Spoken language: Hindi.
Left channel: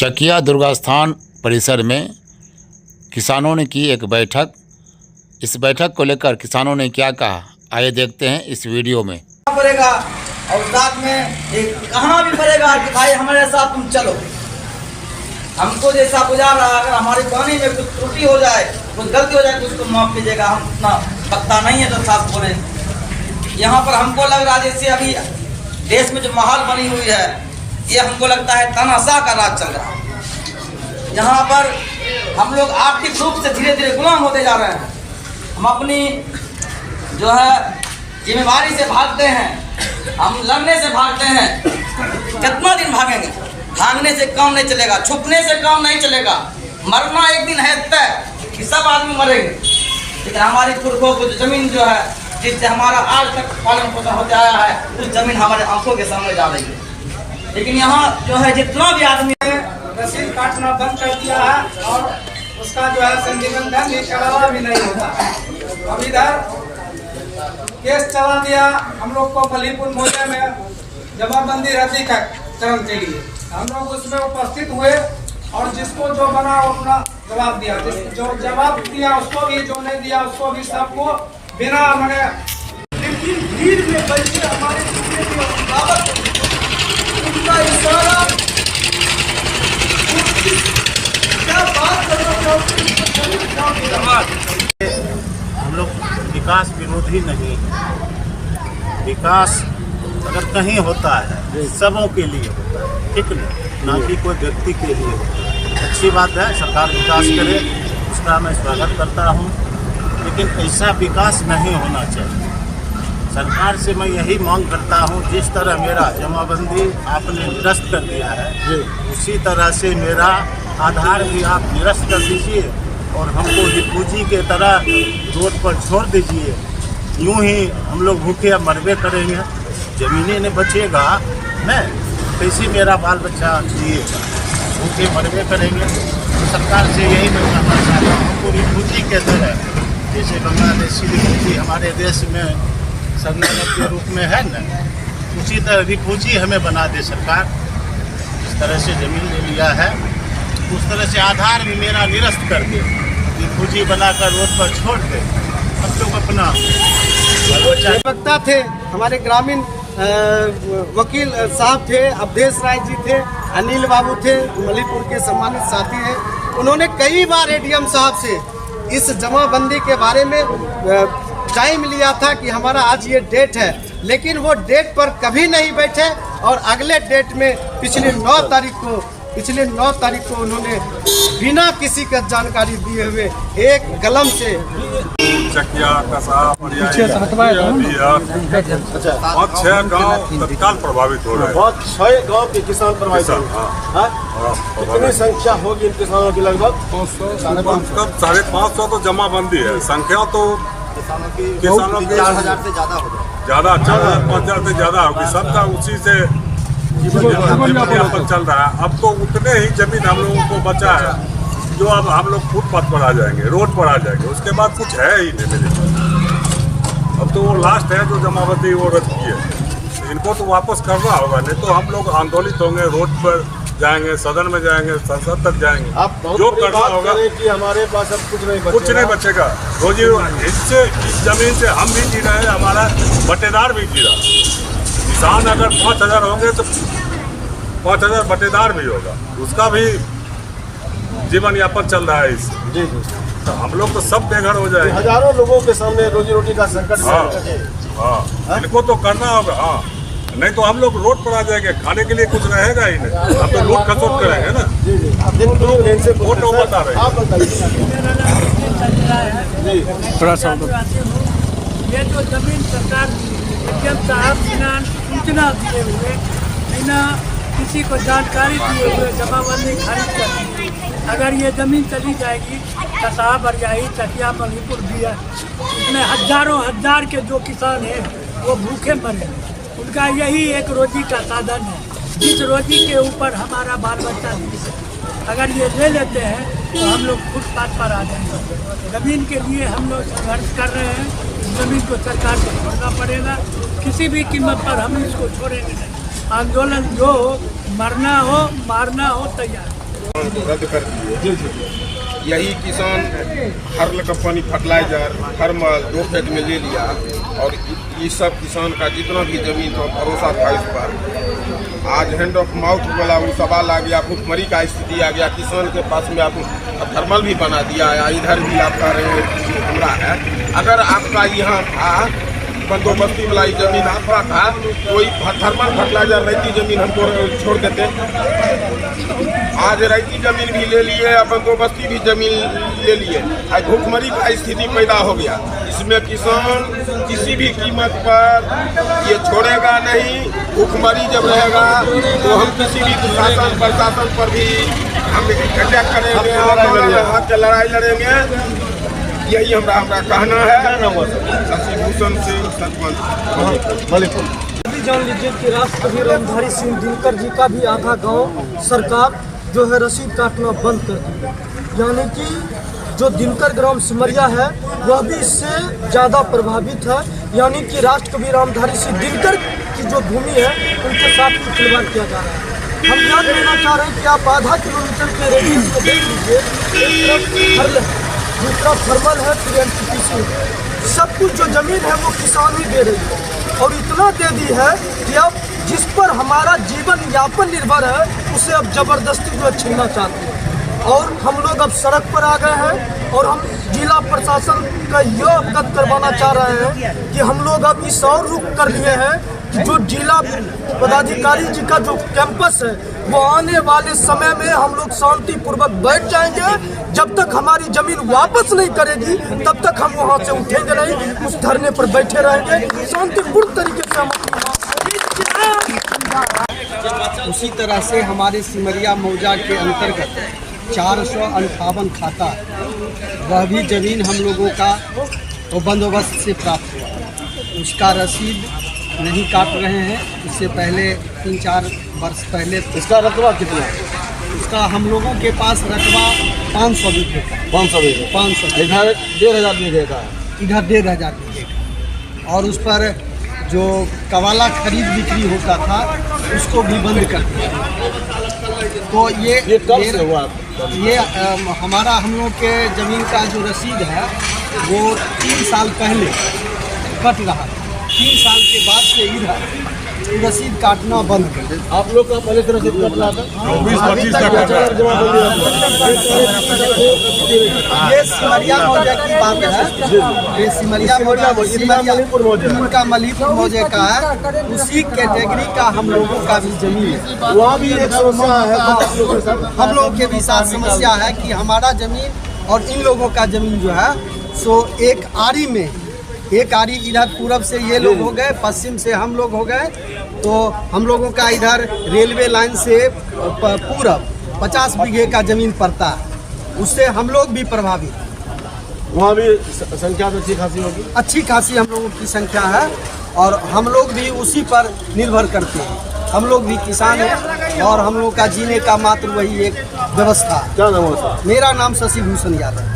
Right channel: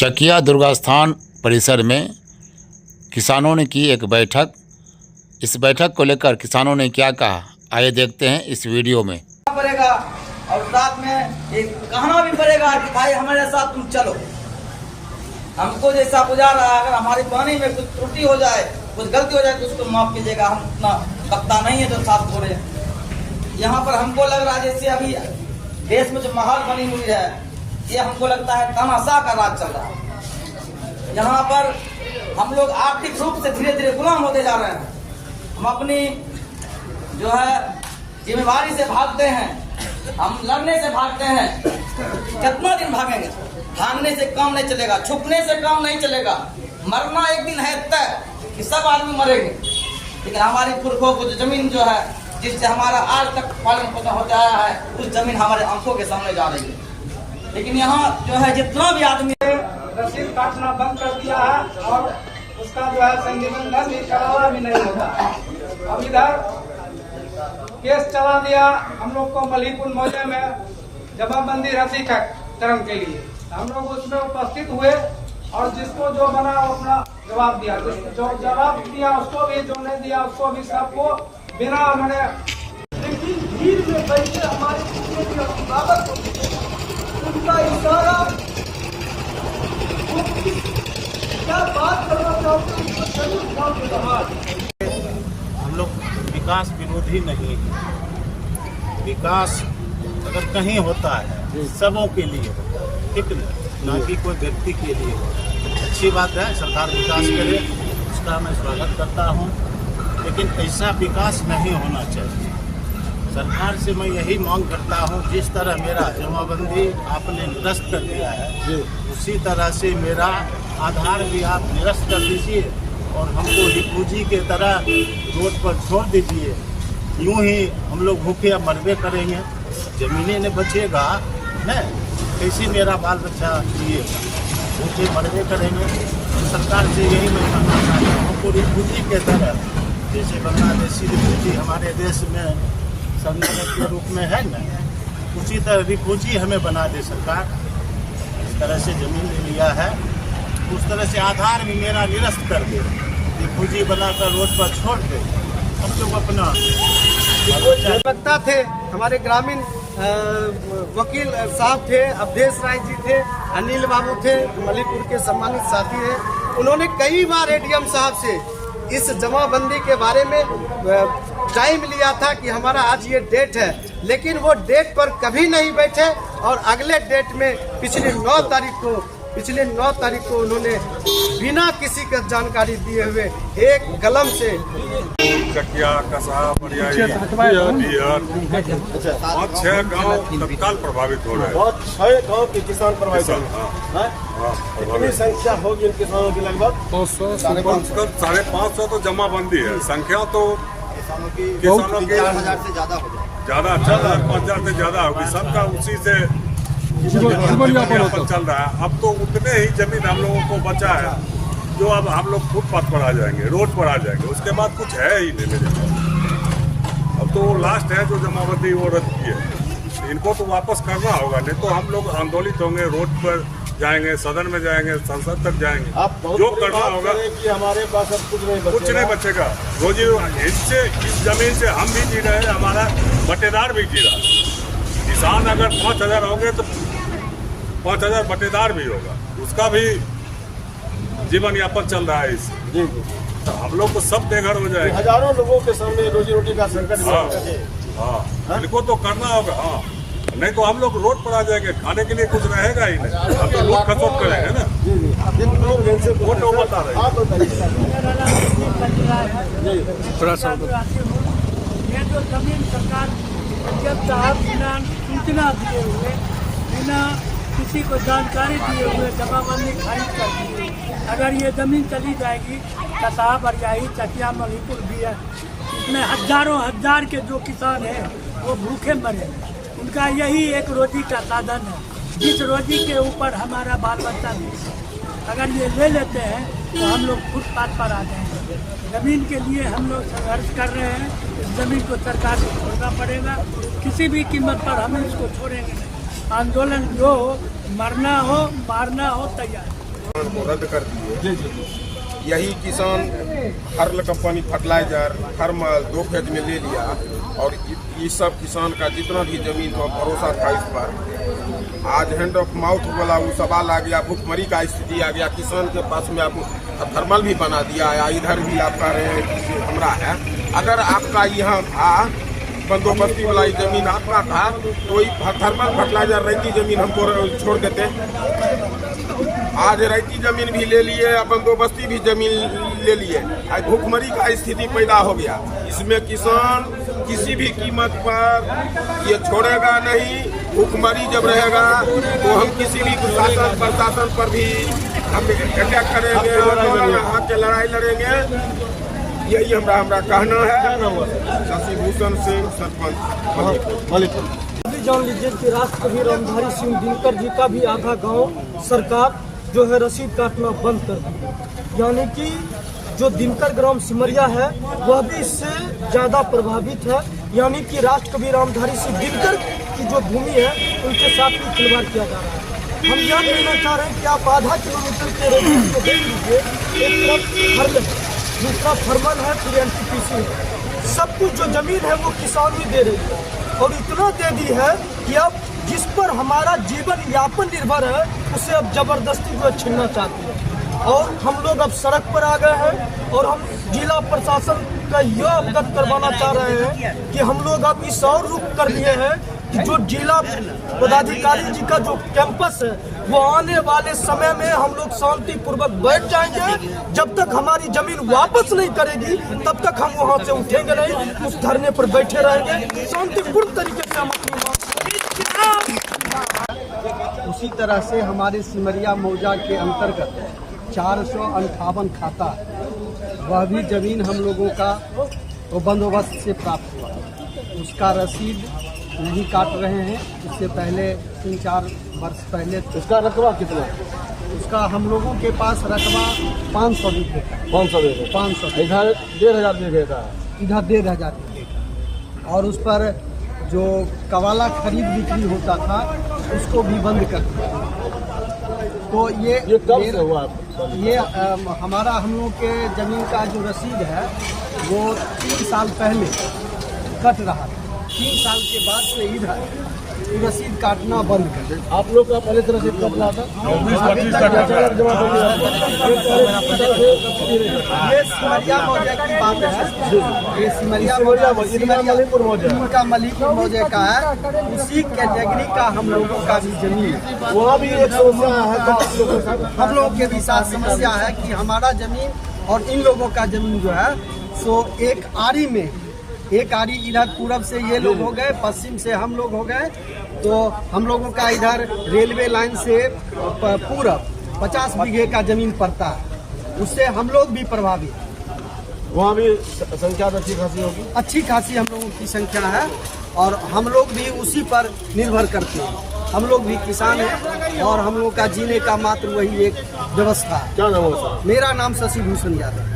चकिया दुर्गा स्थान परिसर में किसानों ने की एक बैठक। इस बैठक को लेकर किसानों ने क्या कहा, आइए देखते हैं इस वीडियो में। पड़ेगा और साथ में एक कहना भी पड़ेगा कि भाई हमारे साथ तुम चलो। हमको जैसा गुजार रहा, अगर हमारे पानी में कुछ त्रुटि हो जाए, कुछ गलती हो जाए तो उसको माफ कीजिएगा। हम उतना पता नहीं है तो साफ बोले। यहाँ पर हमको लग रहा है जैसे अभी देश में जो माहौल बनी हुई है, ये हमको लगता है तानाशाह का राज चल रहा है। यहाँ पर हम लोग आर्थिक रूप से धीरे धीरे गुलाम होते जा रहे हैं। हम अपनी जो है जिम्मेवारी से भागते हैं, हम लड़ने से भागते हैं। कितना दिन भागेंगे? भागने से काम नहीं चलेगा, छुपने से काम नहीं चलेगा। मरना एक दिन है तय कि सब आदमी मरेंगे। लेकिन हमारी पुरखों को जो जमीन जो है, जिससे हमारा आज तक पालन पोषण होता आया है, उस जमीन हमारे आंखों के सामने जा रही है। लेकिन यहाँ जो है जितना भी आदमी है रसीद काटना बंद कर दिया है और उसका जो है संनिबंधन निकाला भी नहीं होता। अब इधर केस चला दिया हम लोग को मलीपुर मोहल्ले में जमाबंदी रद्दी का चरण के लिए। हम लोग उसमें उपस्थित हुए और जिसको जो बना वो अपना जवाब दिया। जो जवाब दिया उसको भी, जो नहीं दिया उसको भी, सबको बिना मैंने भीड़ में बल्कि हमारी उनका इशारा क्या बात करना हम लोग विकास विरोधी नहीं। विकास अगर कहीं होता है सबों के लिए, ठीक ना कि कोई व्यक्ति के लिए। अच्छी बात है, सरकार विकास करे, उसका मैं स्वागत करता हूँ, लेकिन ऐसा विकास नहीं होना चाहिए। सरकार से मैं यही मांग करता हूँ, जिस तरह मेरा जमाबंदी आपने निरस्त कर दिया है, उसी तरह से मेरा आधार भी आप निरस्त कर दीजिए और हमको रिफूजी के तरह रोड पर छोड़ दीजिए। यूं ही हम लोग भूखे मरबे करेंगे, जमीनें नहीं बचेगा, नहीं कैसे मेरा बाल बच्चा ये भूखे मरबे करेंगे। सरकार से यही मैं कहना चाहता हूँ, हमको रिफूजी के तरह, जैसे बांग्लादेशी रिफूजी हमारे देश में संगठन के रूप में है न, उसी तरह रिफूजी हमें बना दे सरकार। इस तरह से जमीन ले लिया है, उस तरह से आधार भी मेरा निरस्त कर दे, रिफूजी बनाकर रोड पर छोड़ दे। अब लोग अपना वक्ता थे, हमारे ग्रामीण वकील साहब थे, अवधेश राय जी थे, अनिल बाबू थे, मलीपुर के सम्मानित साथी हैं। उन्होंने कई बार एडीएम साहब से इस जमाबंदी के बारे में टाइम लिया था कि हमारा आज ये डेट है, लेकिन वो डेट पर कभी नहीं बैठे और अगले डेट में पिछले 9 तारीख को उन्होंने बिना किसी का जानकारी दिए हुए एक कलम से चकिया कसाब और 6 गांव तत्काल प्रभावित हो रहे हैं। बहुत 6 गांव के किसान प्रभावित हैं। कितनी संख्या होगी इन किसानों की? लगभग 550 तो जमाबंदी है। संख्या तो किसानों की 4000 से ज्यादा होगी, ज्यादा 4000 से ज्यादा होगी। सबका उसी से जीवनयापन चल रहा है। अब तो उतने ही जमीन हम लोगों को बचा है जो अब हम लोग फुटपाथ पर आ जाएंगे, रोड पर आ जाएंगे। उसके बाद कुछ है ही नहीं मेरे पास। अब तो वो लास्ट है जो जमाबंदी वो रद्द की है। इनको तो वापस करना होगा, नहीं तो हम लोग आंदोलित होंगे, रोड पर जाएंगे, सदन में जाएंगे, संसद तक जाएंगे। आप जो करना होगा कि हमारे पास अब कुछ नहीं बचेगा। रोजी इससे, इस जमीन से हम भी जी रहे हैं, हमारा बटेदार भी जी रहा है। किसान अगर 5000 होंगे तो 5000 बटेदार भी होगा, उसका भी जीवन यापन चल रहा है। जी तो हम लोग तो सब बेघर हो जाएंगे। हजारों लोगों के सामने रोजी रोटी का संकट। हाँ, इनको तो करना होगा। हाँ, नहीं तो हम लोग रोड पर आ जाएंगे, खाने के लिए कुछ रहेगा ही नहीं। हम तो लूट खसोट करेंगे ना। फोटो बता रहे थोड़ा सा ये जो जमीन सरकार साहब बिना सूचना दिए हुए, बिना किसी को जानकारी दिए हुए जमाबंदी खारिज कर दी। अगर ये जमीन चली जाएगी, कसाब बरजाही, चकिया, मलीपुर भी है, इसमें हजार के जो किसान हैं वो भूखे मरे। उनका यही एक रोजी का साधन है, इस रोजी के ऊपर हमारा बाल बच्चा जीते। अगर ये ले लेते हैं तो हम लोग फुटपाथ पर आ जाएंगे। जमीन के लिए हम लोग संघर्ष कर रहे हैं। जमीन को सरकार को छोड़ना पड़ेगा, किसी भी कीमत पर हम इसको छोड़ेंगे नहीं। आंदोलन जो हो, मरना हो मारना हो तैयार। रद्द कर दिए। यही किसान हर कंपनी फर्टिलाइजर फार्मर 2 फेज में ले लिया और ये सब किसान का जितना भी जमीन था भरोसा था इस पर। आज हैंड ऑफ माउथ वाला वो सवाल आ गया, भूखमरी का स्थिति आ गया, किसान के पास में आप थर्मल भी बना दिया है। इधर भी आप कह रहे हैं हमरा है, अगर आपका यहाँ था बंदोबस्ती वाला जमीन आपका था, कोई थर्मल फर्टिलाइजर रहती जमीन हमको छोड़ देते। आज रहती जमीन भी ले लिए, बंदोबस्ती भी जमीन ले लिए, आज भूखमरी का स्थिति पैदा हो गया। इसमें किसान किसी भी कीमत पर ये छोड़ेगा नहीं। भूखमरी जब रहेगा तो हम किसी भी शासन प्रशासन पर भी हम अटैक करेंगे, आंदोलन के लड़ाई लड़ेंगे। यही हमारा कहना है। शशि भूषण सिंह सरपंच। अभी जान लीजिए कि राष्ट्रपति रामधारी सिंह दिनकर जी का भी आधा गांव सरकार जो है रसीद काटना बंद कर दी, यानी कि जो दिनकर ग्राम सिमरिया है वह भी इससे ज़्यादा प्रभावित है। यानी कि राष्ट्रकवि रामधारी सिंह दिनकर की जो भूमि है उनके साथ में खिलवाड़ किया जा रहा है। हम ध्यान देना चाह रहे हैं कि आप आधा किलोमीटर के जितना थर्मल है TNTPC सब कुछ जो जमीन है वो किसान ही दे रही है और इतना दे दी है कि अब जिस पर हमारा जीवन यापन निर्भर है उसे अब जबरदस्ती जो छीनना चाहते हैं। और हम लोग अब सड़क पर आ गए हैं और हम जिला प्रशासन का यह अवगत करवाना चाह रहे हैं कि हम लोग अब इस और रुख कर लिए हैं कि जो जिला पदाधिकारी जी का जो कैंपस है वो आने वाले समय में हम लोग शांतिपूर्वक बैठ जाएंगे। जब तक हमारी जमीन वापस नहीं करेगी तब तक हम वहाँ से उठेंगे नहीं, उस धरने पर बैठे रहेंगे शांतिपूर्ण तरीके से। हम उसी तरह से हमारे सिमरिया मौजा के अंतर्गत 458 खाता वह भी जमीन हम लोगों का वो बंदोबस्त से प्राप्त हुआ, उसका रसीद नहीं काट रहे हैं। इससे पहले 3-4 वर्ष पहले इसका रकबा कितना? उसका हम लोगों के पास रकबा 500 बीघे का। 500 बीघे? 500। इधर 1500 बीघे का है। इधर 1500 बीघे का। और उस पर जो कवाला खरीद बिक्री होता था उसको भी बंद कर दिया। तो ये कब से हुआ? ये हमारा हम लोग के ज़मीन का जो रसीद है वो 3 साल पहले कट रहा। 3 साल के बाद से इधर रसीद काटना बंद कर दे। आप लोग का पहले से रसीद कटना था? 20-25 तक ये सिमरिया मौजे की बात है। ये सिमरिया उनका मलिकपुर मौजे का है, उसी कैटेगरी का हम लोगों का भी जमीन है। वहाँ भी एक समस्या है। हम लोगों के भी साथ समस्या है कि हमारा जमीन और इन लोगों का जमीन जो है सो एक आरी में, एक आरी इधर पूरब से ये लोग हो गए, पश्चिम से हम लोग हो गए। तो हम लोगों का इधर रेलवे लाइन से पूरब 50 बीघे का ज़मीन पड़ता है, उससे हम लोग भी प्रभावित। वहाँ भी संख्या अच्छी खासी होगी? अच्छी खासी हम लोगों की संख्या है और हम लोग भी उसी पर निर्भर करते हैं। हम लोग भी किसान हैं और हम लोग का जीने का मात्र वही एक व्यवस्था। क्या नाम है? मेरा नाम शशि भूषण यादव।